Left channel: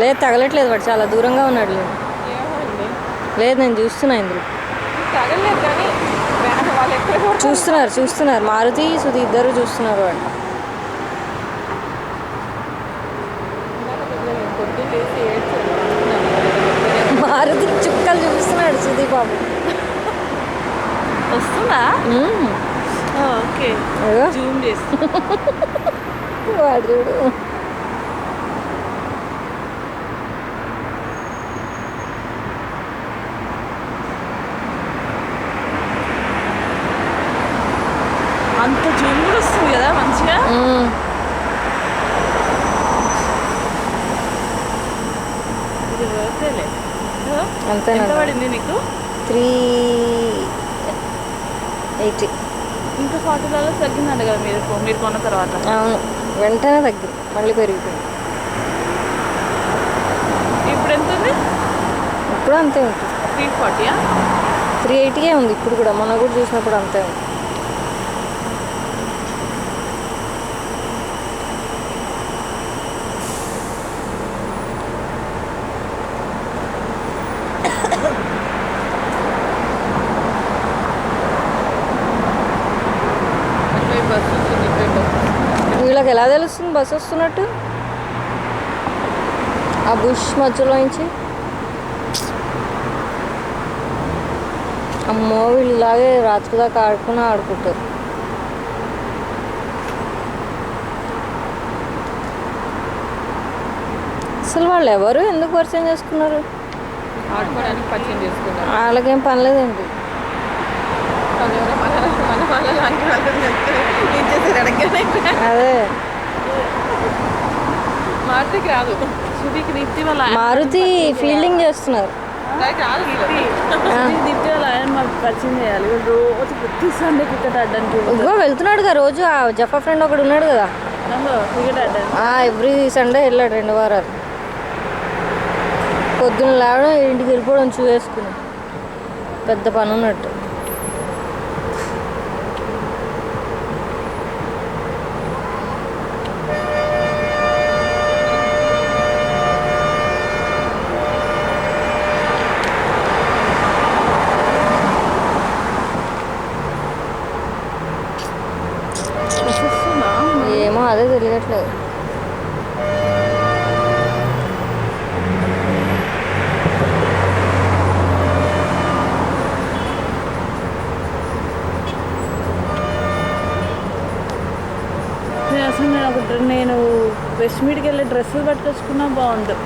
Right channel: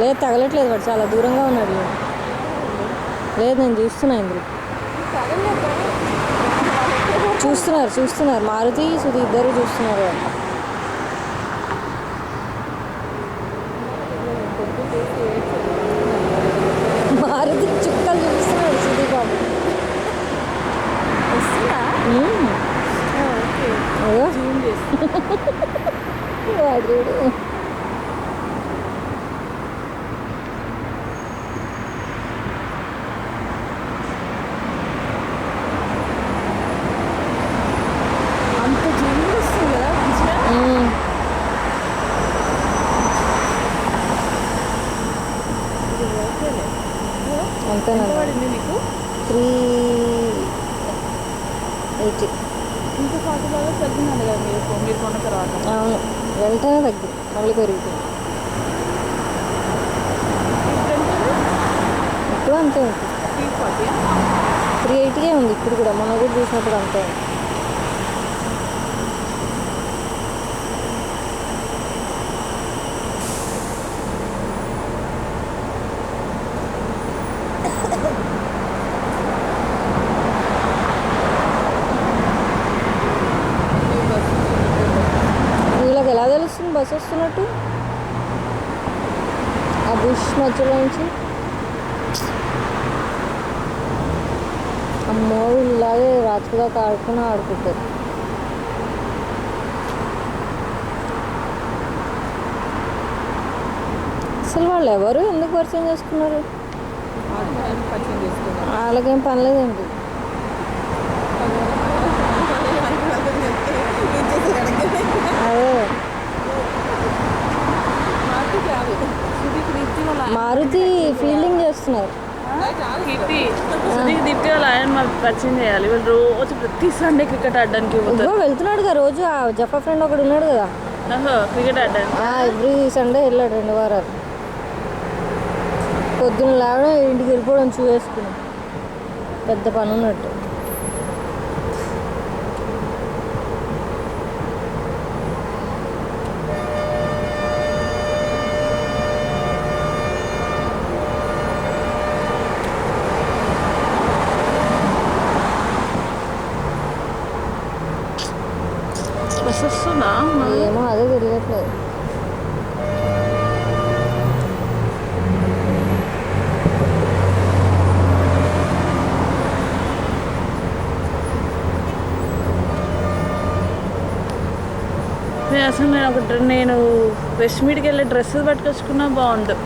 లేదు తగలట్లేదు, వాడు చాలా దూరంగా ఉన్నాడు. లేదు నేను చూస్తున్నా ఇందులో. చూస్తున్నారు మారుతి సుధి ఇద్దరు చూస్తున్నారు. వాడు మారుతి చుక్కలు చూపిస్తున్నాడు సుధి బాబు. వస్తుందా? ఓకే జూమ్ చేసి వాడు చూడు. అంత జూమ్ కూడా వస్తుంది కదా మంచిగా. ఇది ఓకేలే. అంతే ఎంత పడింది నీకు? 380. ఇంకా $40 తగ్గిందంట కదా మీరు కొన్న తర్వాత. అవును, వెంటనే తగ్గింది, మళ్ళీ పెరిగిపోయింది. ఇప్పుడు ఎంత ఉంది? ఇప్పుడు అంతే ఉంటుంది. 340. 380 ఉంది ఇప్పుడు కూడా, మొన్న కూడా చూసినప్పుడు అంతే ఉంది. వీళ్ళకి ఎలా తెలుస్తుంది బస్సు వస్తున్నట్టు? ఆ బుష్ మధ్యలో నుంచి. అమ్మో వీళ్ళలాగే రాత్రి దాకా ఆడుకుంటారు. అసలు వాళ్ళు ఎవరు ఎందుకు పరిచయం చేసుకున్నారు? వాళ్ళకేం పనిలేదండి. అదే మారుతి ఫీల్డింగ్ చేస్తున్నారు. దీప్తి వాళ్ళ ఆయన మాకు పరిచయం చేయాలి. రోజు ప్రతి సండే క్రికెట్ ఆడడానికి వెళ్తున్నాడు కదా రోజు. ఆ జఫా ఫ్రెండ్ ఒకడు ఉన్నాడు కదా క్రికెట్ ఆడడానికి. ఎవ్రీ సండే వెళ్ళాడు 2 వారాలు. పొద్దున్న లేవడం ఇంటికి వెళ్ళిపోవడం చూసేసుకుని పెద్ద పని ఉన్నట్టు. ఏమో అదే తెలియట్లేదు. అసలు నేను వెస్ట్ మీడ్కి వెళ్ళే డ్రెస్సెస్ పట్టుకొచ్చుకున్నా బాగుండు.